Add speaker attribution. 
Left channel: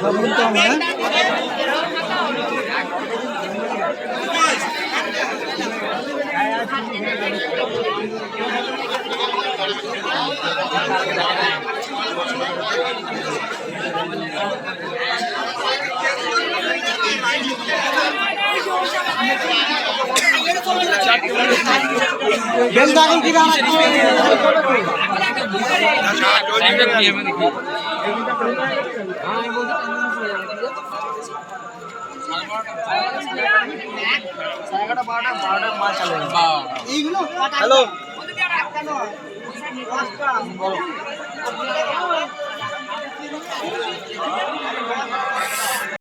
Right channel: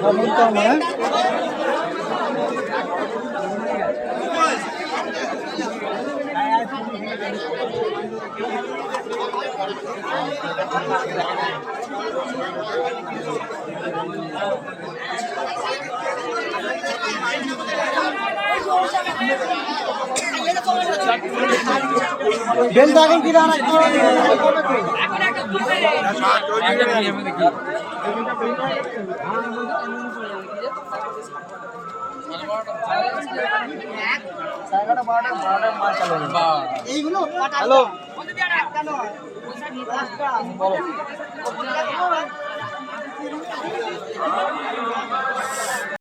Speaker 1: বলতে আমরা বেল দাগল কি দাঁড়া হ্যালো